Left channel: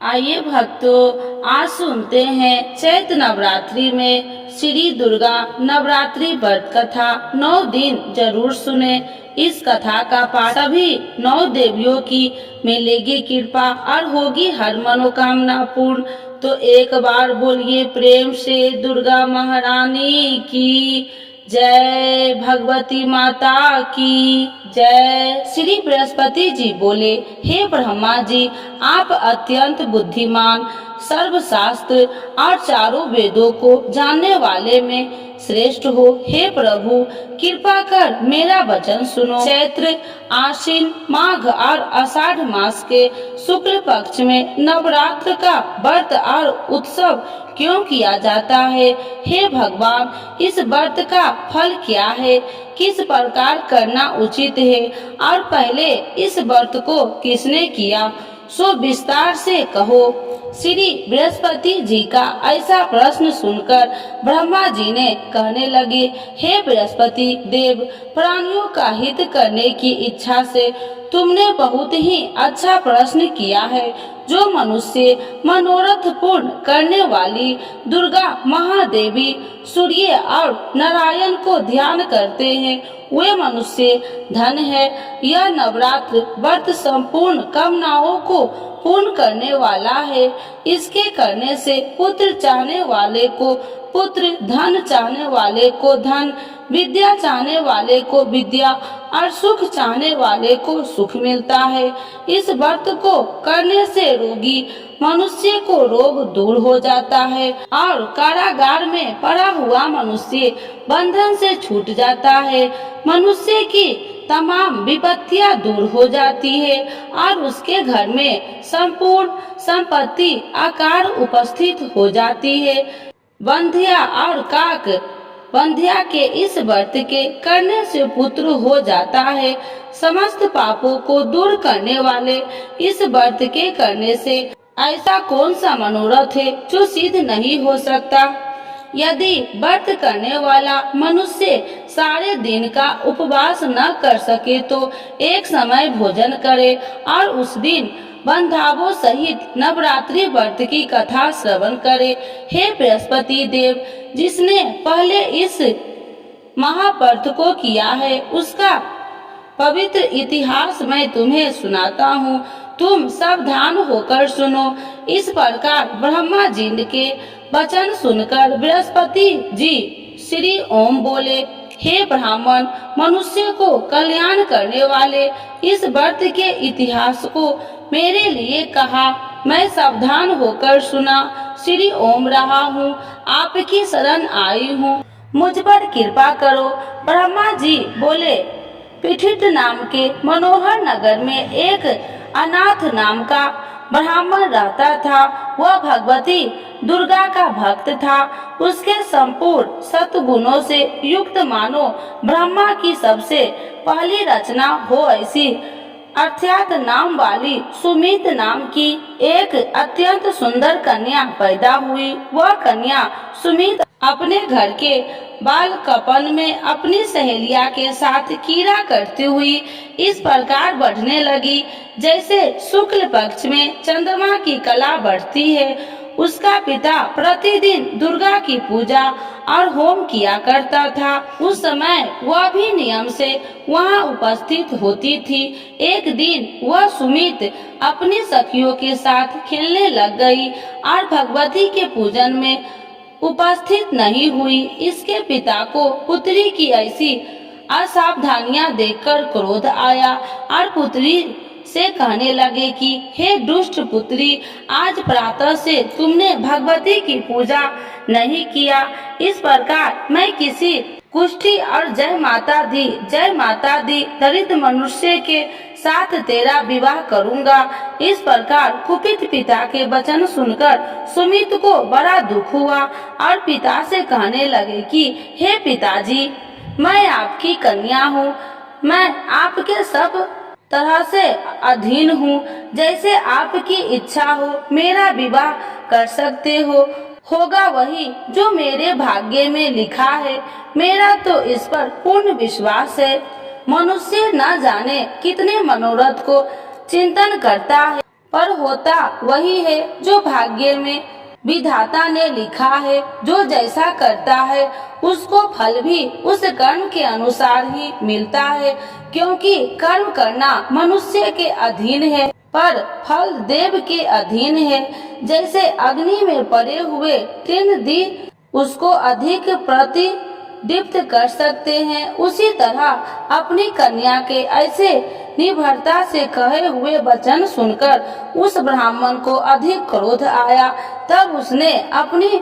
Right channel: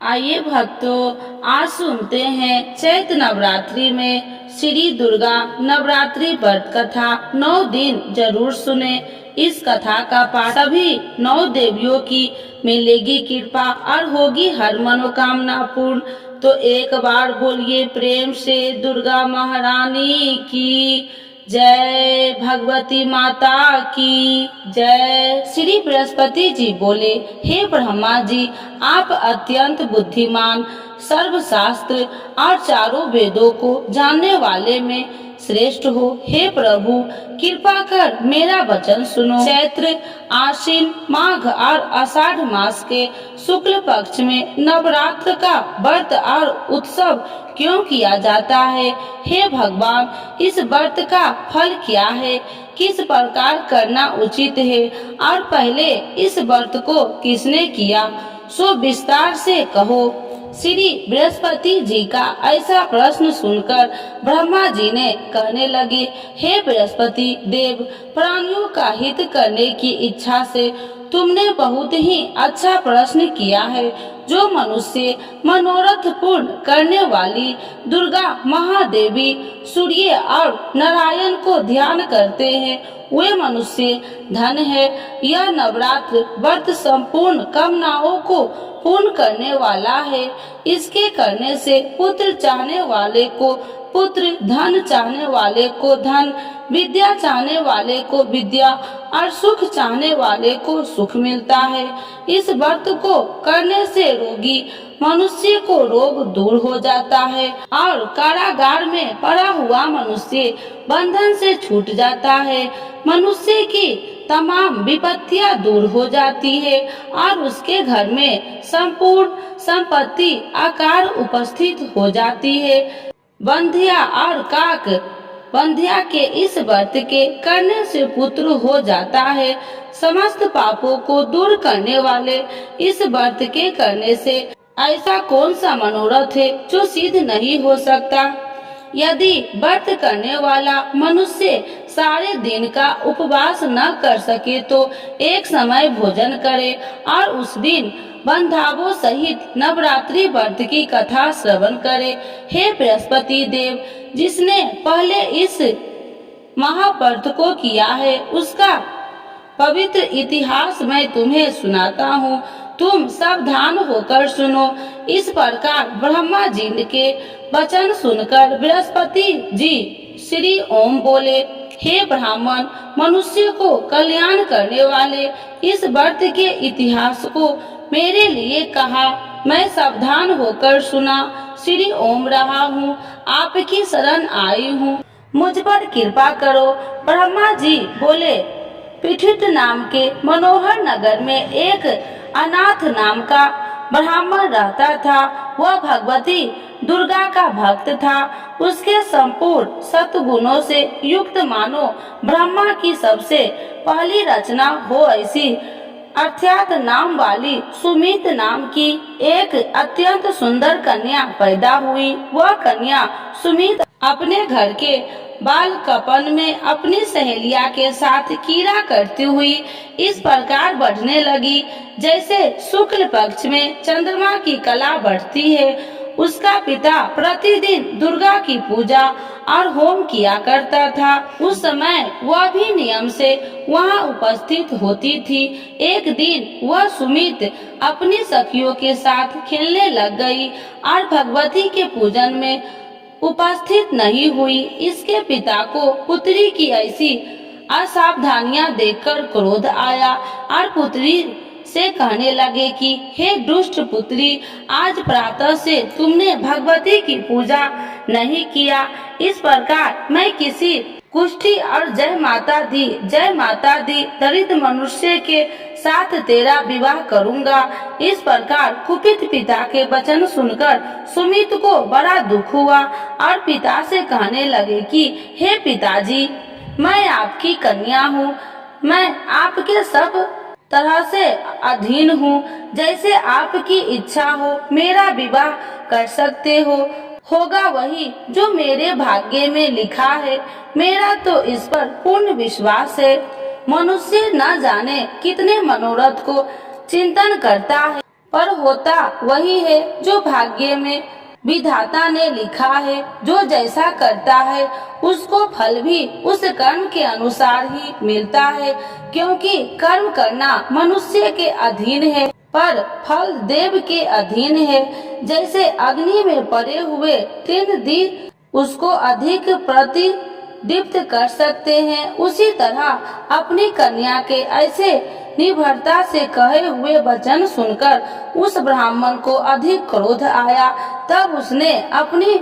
आइए भक्तों, आज सुनते हैं चैत्र नवरात्रि में श्री दुर्गा नवरात्रि व्रत कथा। 9 दिन जरूर सुने। इस कथा का पाठ सभी 9 देवियों की मिलेगी कृपा और होगी हर मनोकामना पूर्ण। तो एक बार बोलिए प्रेम से दुर्गा महारानी की जय, भगवती माता की जय। श्री बृहस्पति जी बोले, हे ब्रह्मा जी, आप अत्यंत बुद्धिमान, सर्वशास्त्र और चारों वेदों को जानने वाले में श्रेष्ठ हो। हे प्रभु, कृपा कर मेरा वचन सुनो। चैत्र, आश्विन, माघ और आषाढ़ मास के शुक्ल पक्ष में नवरात्र का व्रत और उत्सव क्यों किया जाता है? हे भगवान, इस व्रत का फल क्या है? किस प्रकार करना उचित है? और पहले इस व्रत को किसने किया, सो विस्तार से कहो। श्री बृहस्पति जी का ऐसा प्रश्न सुनकर ब्रह्मा जी ने कहने लगे, हे बृहस्पति देव, प्राणियों का हित करने की इच्छा से तुमने बहुत ही अच्छा प्रश्न किया है। जो मनुष्य मनोरथ पूर्ण करने वाली दुर्गा महादेवी, सूर्य और नारायण को ध्यान करते हैं, वे मनुष्य धन है। यह नवरात्र व्रत संपूर्ण कामनाओं को पूर्ण करने वाला है। इसके करने से पुत्र चाहने वाले को पुत्र, धन चाहने वाले को धन, विद्या चाहने वाले को विद्या और सुख चाहने वाले को सुख मिलता है। इस व्रत को करने से रोगी मनुष्य को रोग दूर हो जाता है और कारागार में पड़ा हुआ मनुष्य बंधन से छूट जाता है। मनुष्य की तमाम विपत्तियां दूर हो जाती है और उसके घर में संपूर्ण संपत्ति आकार उपस्थित हो जाती है। बंध्या और काक बंध्या के इस व्रत के करने से पुत्र हो जाता है। समस्त पापों को दूर करने वाले इस व्रत के करने से ऐसा कौन सा मनोरथ है जो सिद्ध नहीं हो सकता? यदि व्रत करने वाला मनुष्य सारे दिन का उपवास न कर सके तो एक समय भोजन करे और उस दिन बंधावों सहित नवरात्रि व्रत की कथा श्रवण करे। हे बृहस्पति देव, जिसने पहले इस महाव्रत को किया है, उसका पवित्र इतिहास मैं तुम्हें सुनाता हूँ। तुम सावधान होकर सुनो। इस प्रकार ब्रह्मा जी के वचन सुनकर बृहस्पति जी श्री ओम बोले, हे ब्राह्मण, मनुष्य को कल्याण करने वाले इस व्रत के इतिहास को मेरे लिए कहा। मैं सावधान होकर सुना। श्री ओम रहा हूँ, आपकी शरण आई हूँ, मुझ पर कृपा करो। ब्रह्मा जी बोले, पीठित नाम के मनोहर नगर में एक अनाथ नाम का ब्राह्मण रहता था। वह भगवती दुर्गा का भक्त था। उसके संपूर्ण सद्गुणों से युक्त मानो ब्रह्मा की सबसे पहली रचना हो ऐसी अर्थात नाम वाली सुमित नाम की एक अत्यंत सुंदर कन्या पैदा हुई। वह कन्या सुमित अपने घर के बालकपन में अपनी सहेलिया के साथ कीड़ा करती हुई इस प्रकार बढ़ने लगी जैसे शुक्ल पक्ष में चंद्रमा की कला बढ़ती है। उसका पिता प्रतिदिन दुर्गा की पूजा और होम किया करता था। उस समय वह भी नियम से वहां उपस्थित होती थी। एक दिन वह सुमित अपनी सखियों के साथ खेलने लग गई और भगवती के पूजन में उपस्थित नहीं हुई। इसके पिता को पुत्री की ऐसी असावधानियां देखकर क्रोध आया और पुत्री से कहने लगे कि हे दुष्ट पुत्री, आज प्रातः से तुमने भगवती की पूजा नहीं किया। इस प्रकार मैं किसी कुष्ठी और जय माता दी दरिद्र मनुष्य के साथ तेरा विवाह करूंगा। इस प्रकार कुपित पिता के वचन सुनकर सुमित को बड़ा दुख हुआ और पिता से कहने लगे कि हे पिताजी, मैं आपकी कन्या हूँ, मैं आपके सब तरह से अधीन हूँ। जैसे आपकी इच्छा हो मेरा विवाह कर सकते हो। होगा वही जो मेरे भाग्य में लिखा है। मेरा तो इस पर पूर्ण विश्वास है। मनुष्य न जाने कितने मनोरथ को चिंतन करता है, पर होता वही है जो भाग्य में विधाता ने लिखा है। जो जैसा करता है उसको फल भी उस कर्म के अनुसार ही मिलता है, क्योंकि कर्म करना मनुष्य के अधीन है पर फल देव के अधीन है। जैसे अग्नि में पड़े हुए तीन दी उसको अधिक प्रतिदीप्त कर सकते हैं, उसी तरह अपनी कन्या के ऐसे निर्भरता से कहे हुए वचन सुनकर उस ब्राह्मण को अधिक क्रोध आया। तब उसने अपनी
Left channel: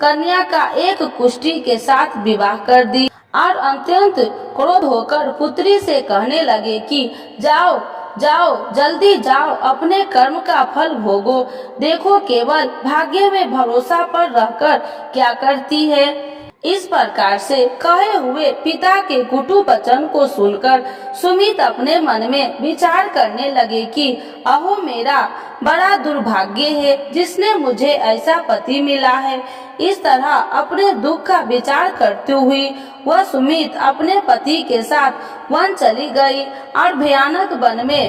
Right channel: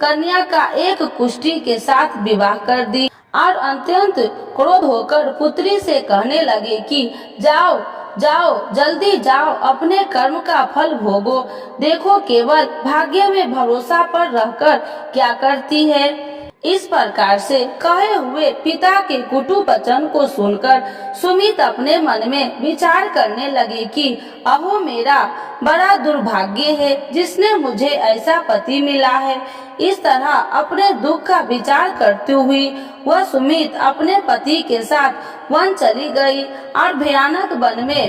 कन्या का एक कुष्ठी के साथ विवाह कर दी और अत्यंत क्रोध होकर पुत्री से कहने लगे कि जाओ जाओ, जल्दी जाओ, अपने कर्म का फल भोगो। देखो केवल भाग्य में भरोसा पर रहकर क्या करती है। इस प्रकार से कहे हुए पिता के कुटु वचन को सुनकर सुमित अपने मन में विचार करने लगे कि अहो मेरा बड़ा दुर्भाग्य है जिसने मुझे ऐसा पति मिला है। इस तरह अपने दुख का विचार करती हुई वह सुमित अपने पति के साथ वन चली गई और भयानक वन में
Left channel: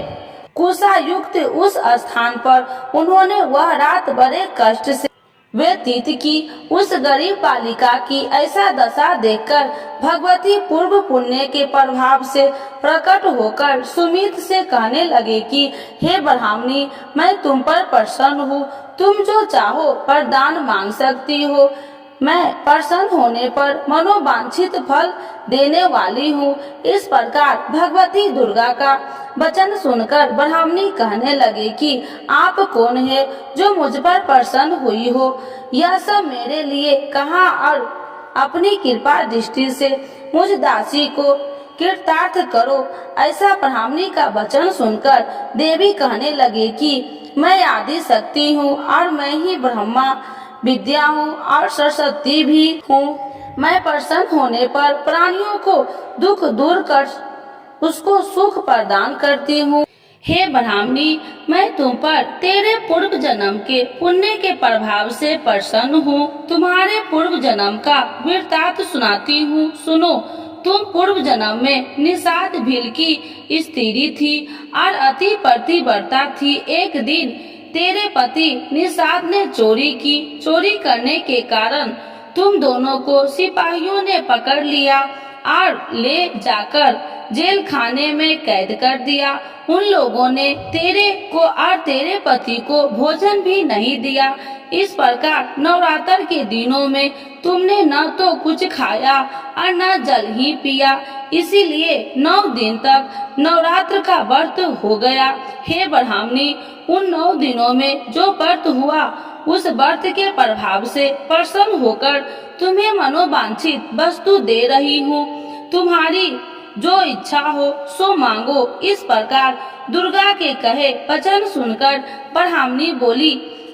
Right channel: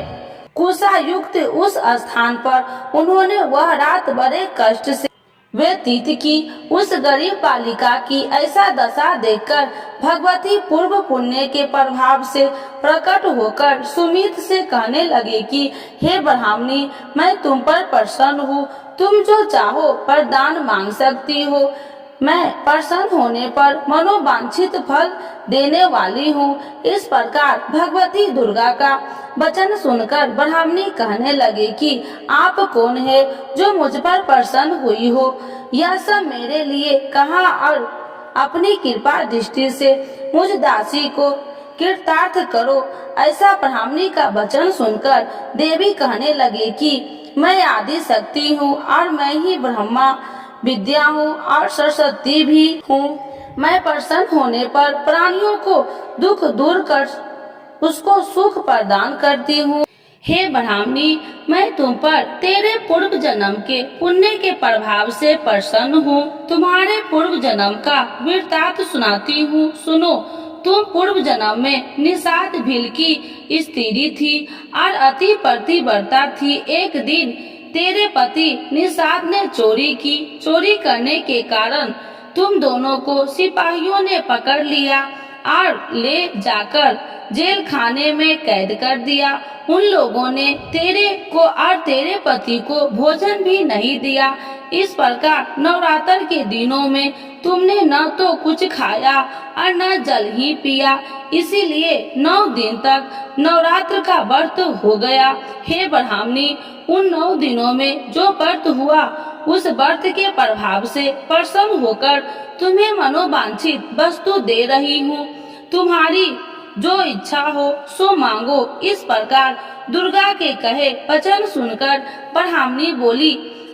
कुशा युक्त उस स्थान पर उन्होंने वह रात बड़े कष्ट से व्यतीत की। उस गरीब बालिका की ऐसा दशा देखकर भगवती पूर्व पुण्य के प्रभाव से प्रकट होकर सुमित से कहने लगे कि हे ब्राह्मणी, मैं तुम पर प्रसन्न हूँ, तुम जो चाहो वरदान मांग सकती हो। मैं प्रसन्न होने पर मनोवांछित फल देने वाली हूँ। इस प्रकार भगवती दुर्गा का वचन सुनकर ब्राह्मणी कहने लगे कि आप कौन है जो मुझ पर प्रसन्न हुई हो। यह सब मेरे लिए कहा और अपनी कृपा दृष्टि से मुझ दासी को कृतार्थ करो। ऐसा ब्राह्मणी का वचन सुनकर देवी कहने लगे कि मैं आदि शक्ति हूँ और मैं ही ब्रह्मा विद्या हूँ और सरस्वती भी हूँ। मैं प्रसन्न होने पर प्राणियों को दुख दूर कर उसको सुख प्रदान करती हूँ। हे ब्राह्मणी, मैं तुम पर तेरे पूर्व जन्म के पुण्य के प्रभाव से प्रसन्न हूँ। तुम्हारे पूर्व जन्म का वृत्तांत सुनाती हूँ, सुनो। तुम पूर्व जन्म में निषाद भील की स्त्री थी और अति पतिव्रता थी। एक दिन तेरे पति निषाद ने चोरी की। चोरी करने के कारण तुम दोनों को सिपाहियों ने पकड़ लिया और ले जाकर जेल खाने में कैद कर दिया। उन लोगों ने तेरे को और तेरे पति को भोजन भी नहीं दिया। इस प्रकार नवरात्र के दिनों में तुमने न तो कुछ खाया और न जल ही पिया, इसीलिए 9 दिन तक नवरात्र का व्रत हो गया। हे ब्राह्मणी, उन 9 दिनों में जो व्रत हुआ उस व्रत के प्रभाव से प्रसन्न होकर तुम्हें मनोवांछित वस्तु दे रही हूँ। तुम्हारी जो इच्छा हो सो मांगो। इस प्रकार दुर्गा के कहे वचन सुनकर ब्राह्मणी बोली,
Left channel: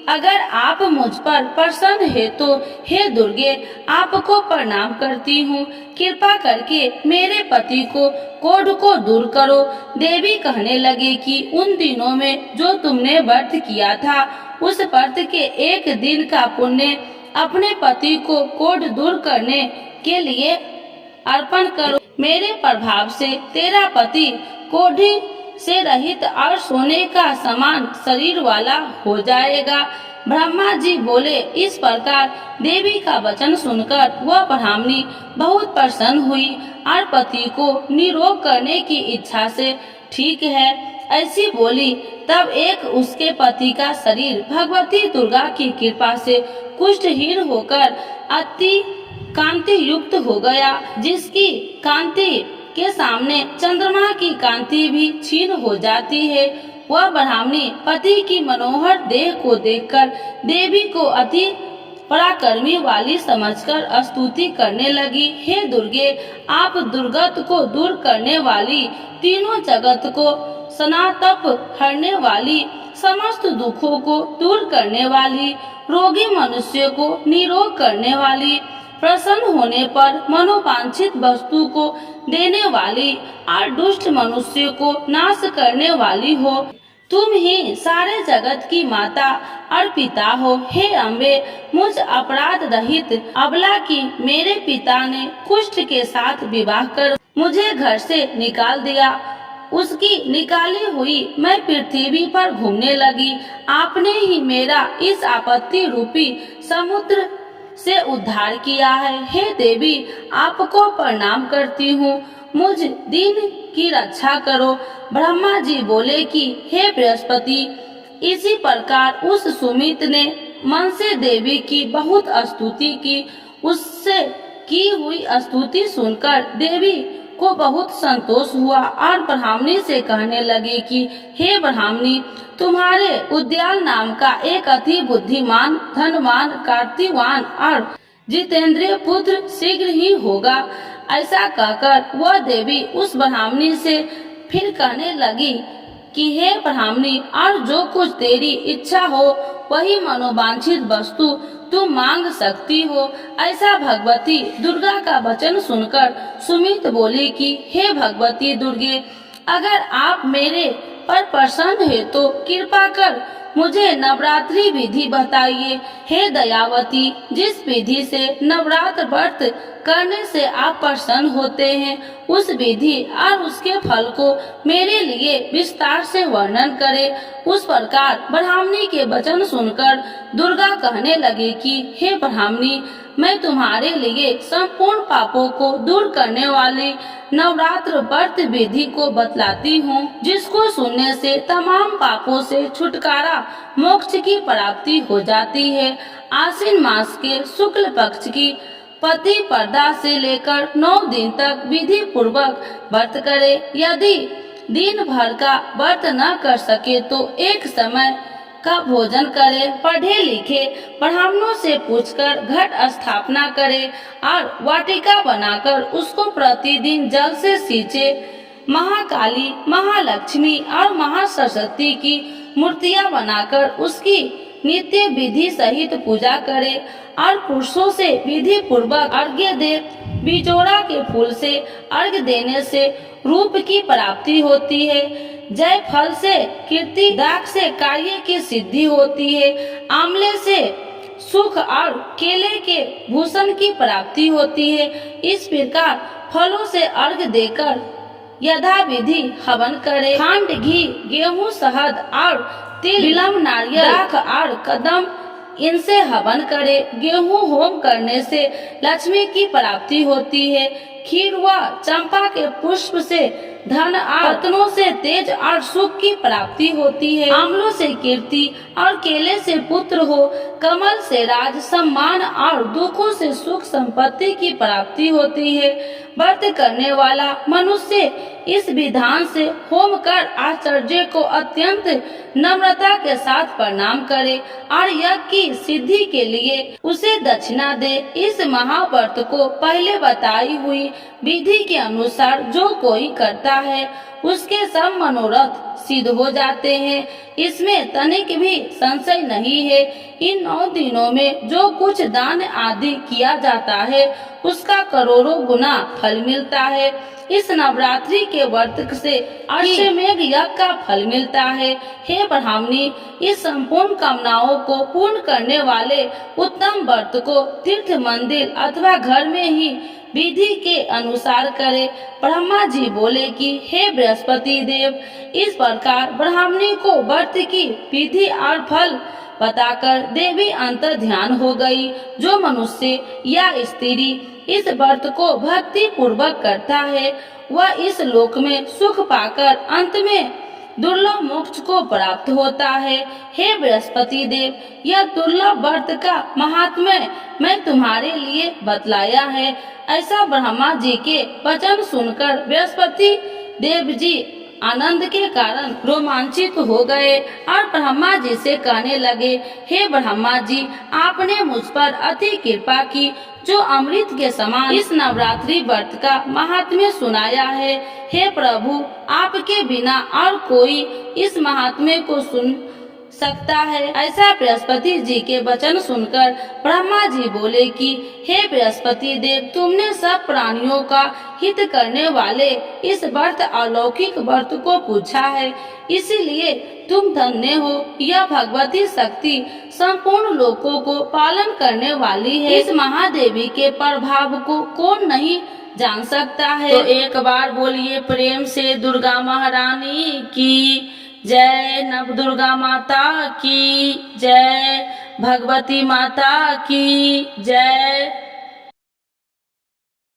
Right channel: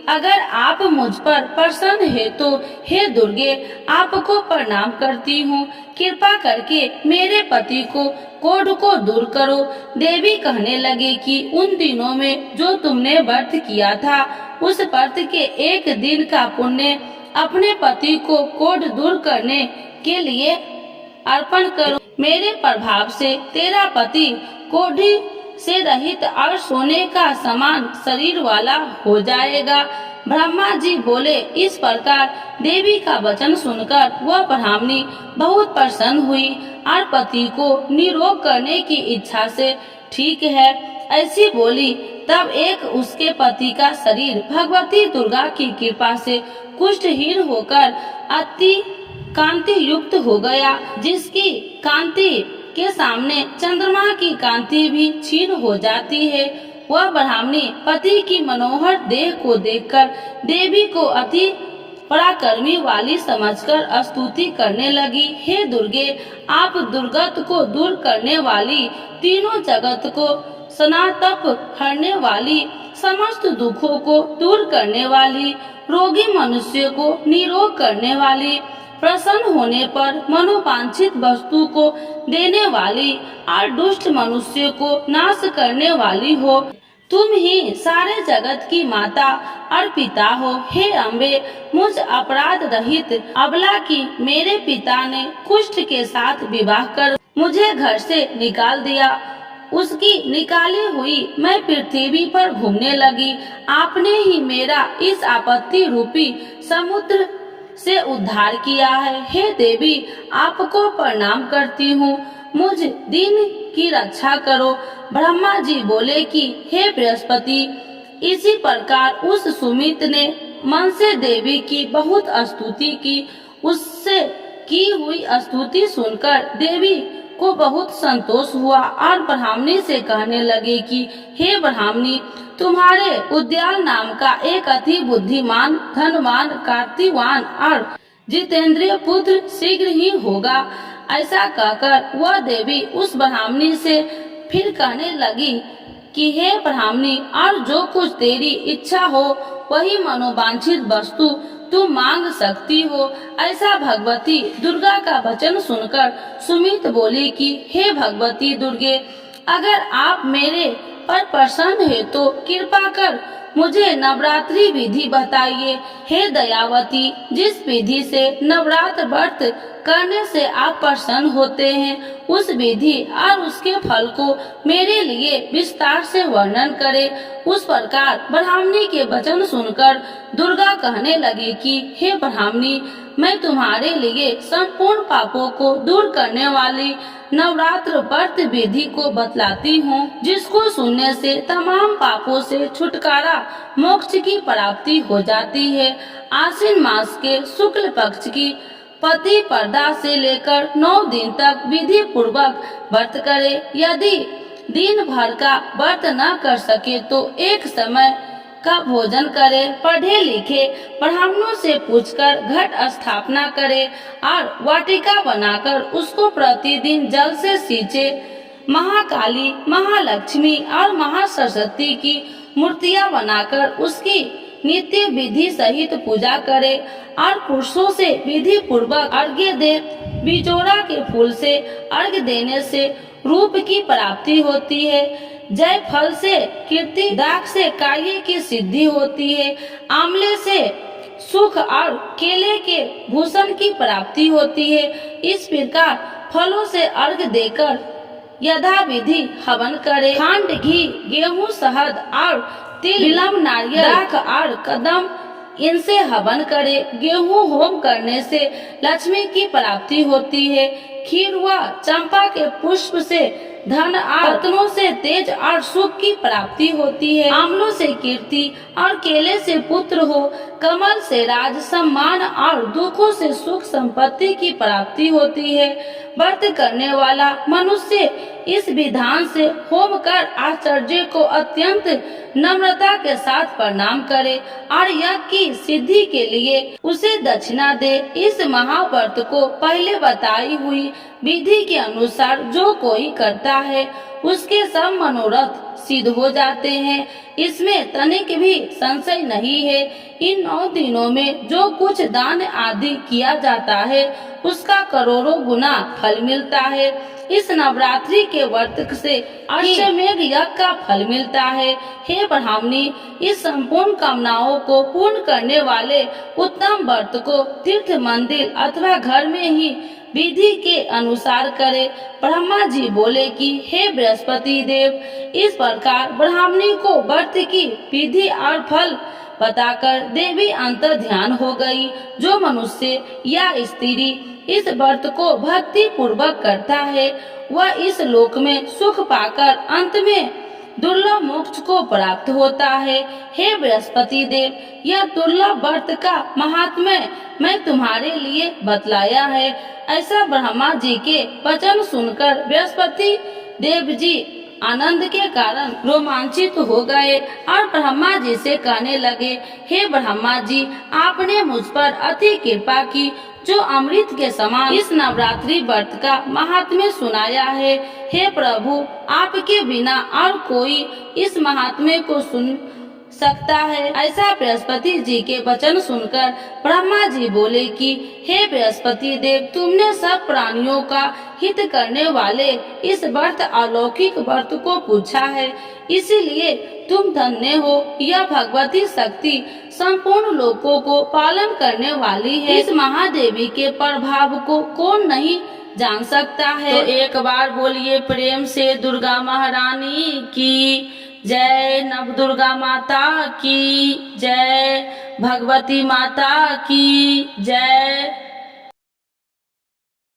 अगर आप मुझ पर प्रसन्न है तो हे दुर्गे, आपको प्रणाम करती हूँ। कृपा करके मेरे पति को कोढ़ को दूर करो। देवी कहने लगे कि उन दिनों में जो तुमने व्रत किया था उस व्रत के एक दिन का पुण्य अपने पति को कोढ़ दूर करने के लिए अर्पण करो। मेरे प्रभाव से तेरा पति कोढ़ी से रहित और सोने का समान शरीर वाला हो जाएगा। ब्रह्मा जी बोले। इस प्रकार देवी का वचन सुनकर वह ब्राह्मणी बहुत प्रसन्न हुई और पति को निरोग करने की इच्छा से ठीक है ऐसी बोली। तब एक उसके पति का शरीर भगवती दुर्गा की कृपा से कुष्ठहीन होकर अति कांति युक्त हो गया, जिसकी कांति के सामने चंद्रमा की कांति भी क्षीण हो जाती है। वह ब्राह्मणी पति की मनोहर देह को देखकर देवी को अति पराक्रमी वाली समझकर स्तुति करने लगी। हे दुर्गे, आप दुर्गत को दूर करने वाली, तीनों जगत को सनातप हरने वाली, समस्त दुखों को दूर करने वाली, रोगी मनुष्य को निरोग करने वाली, प्रसन्न होने पर मनोवांछित वस्तु को देने वाली और दुष्ट मनुष्य को नाश करने वाली हो। तुम ही सारे जगत की माता और पिता हो। हे अम्बे, मुझ अपराध रहित अबला की मेरे पिता ने कुष्ठ के साथ विवाह कर मुझे घर से निकाल दिया। उसकी निकाली हुई मैं पृथ्वी पर घूमने लगी। आपने ही मेरा इस आपत्ति रूपी समुद्र से उद्धार किया है। हे देवी, आपको प्रणाम करती हूँ, मुझ दिन की रक्षा करो। ब्रह्मा जी बोले कि हे बृहस्पति, इसी प्रकार उस सुमित ने मन से देवी की बहुत स्तुति की। उससे की हुई स्तुति सुनकर देवी को बहुत संतोष हुआ और ब्राह्मणी से कहने लगी कि हे ब्राह्मणी, तुम्हारे उद्याल नाम का एक अति बुद्धिमान, धनवान, कार्तिवान और जितेंद्रिय पुत्र शीघ्र ही होगा। ऐसा कहकर वह देवी उस ब्राह्मणी से फिर कहने लगी कि हे ब्राह्मणी, और जो कुछ तेरी इच्छा हो वही मनोवांछित वस्तु तुम मांग सकती हो। ऐसा भगवती दुर्गा का वचन सुनकर सुमित बोली कि हे भगवती दुर्गे, अगर आप मेरे पर प्रसन्न है तो कृपा कर मुझे नवरात्रि विधि बताइए। हे दयावती, जिस विधि से नवरात्र व्रत करने से आप प्रसन्न होते हैं, उस विधि और उसके फल को मेरे लिए विस्तार से वर्णन करें। उस प्रकार ब्राह्मणी के वचन सुनकर दुर्गा कहने लगी कि हे ब्राह्मणी, मैं तुम्हारे लिए संपूर्ण पापों को दूर करने वाली नवरात्र व्रत विधि को बतलाती हूँ, जिसको सुनने से तमाम पापों से छुटकारा, मोक्ष की प्राप्ति हो जाती है। आश्विन मास के शुक्ल पक्ष की प्रतिपदा से लेकर 9 दिन तक विधि पूर्वक व्रत करे। यदि दिन भर का व्रत न कर सके तो एक समय का भोजन करे। पढ़े लिखे ब्राह्मणों से पूछकर घट स्थापना करे और वाटिका बनाकर उसको प्रतिदिन जल से सींचे। महाकाली, महालक्ष्मी और महासरस्वती की मूर्तियां बनाकर उसकी नित्य विधि सहित पूजा करे और पुरुषों से विधि पूर्वक अर्घ्य दे। बिजोड़ा के फूल से अर्घ्य देने से रूप की प्राप्ति होती है। जय फल से कीर्ति, दाख से कार्य की सिद्धि होती है। आंवले से सुख और केले के भूषण की प्राप्ति होती है। इस प्रकार फलों से अर्घ्य देकर यथा विधि हवन करे। खंड, घी, गेहूं, शहद और तिल, बिल्व, नारियल, दाख और कदम, इनसे हवन करे। गेहूं होम करने से लक्ष्मी की प्राप्ति होती है। खीर व चंपा के पुष्प से धन और रत्नों से तेज और सुख की प्राप्ति होती है। आंवलों से कीर्ति और केले से पुत्र हो। कमल से राज, सम्मान और दुखों से सुख संपत्ति की प्राप्ति होती है। व्रत करने वाला मनुष्य इस विधान से होम कर आचार्य को अत्यंत नम्रता के साथ प्रणाम करे और यज्ञ की सिद्धि के लिए उसे दक्षिणा दे। इस महाव्रत को पहले बताई हुई विधि के अनुसार जो कोई करता है उसके सब मनोरथ सिद्ध हो जाते हैं। इसमें तनिक भी संशय नहीं है। इन 9 दिनों में जो कुछ दान आदि किया जाता है उसका करोड़ों गुना फल मिलता है। इस नवरात्रि के व्रत से अश्वमेघ यज्ञ का फल मिलता है। हे ब्राह्मणी, इस संपूर्ण कामनाओं को पूर्ण करने वाले उत्तम व्रत को तीर्थ, मंदिर अथवा घर में ही विधि के अनुसार करे। ब्रह्मा जी बोले कि हे बृहस्पति देव, इस प्रकार ब्राह्मणी को व्रत की विधि और फल बताकर देवी अंतर ध्यान हो गई। जो मनुष्य या स्त्री इस व्रत को भक्ति पूर्वक करता है वह इस लोक में सुख पाकर अंत में दुर्लभ मोक्ष को प्राप्त होता है। हे बृहस्पति देव, यह दुर्लभ व्रत का महात्म्य मैं तुम्हारे लिए बतलाया है। ऐसा ब्रह्मा जी के वचन सुनकर बृहस्पति देव जी आनंद के कारण रोमांचित हो गए और ब्रह्मा जी से कहने लगे, हे ब्रह्मा जी, आपने मुझ पर अति कृपा की जो अमृत के समान इस नवरात्रि व्रत का महात्म्य सुनाया है। हे प्रभु, आपके बिना और कोई इस महात्म्य को सुन सकता है। ऐसा बृहस्पति जी के वचन सुनकर ब्रह्मा जी बोले कि हे बृहस्पति देव, तुमने सब प्राणियों का हित करने वाले इस व्रत अलौकिक व्रत को पूछा है, इसीलिए तुम धन्य हो। यह भगवती शक्ति संपूर्ण लोकों को पालन करने वाली है। इस महादेवी के प्रभाव को कौन नहीं जान सकता है। तो एक बार बोलिए प्रेम से दुर्गा महारानी की जय, नव दुर्गा माता की जय, भगवती माता की जय।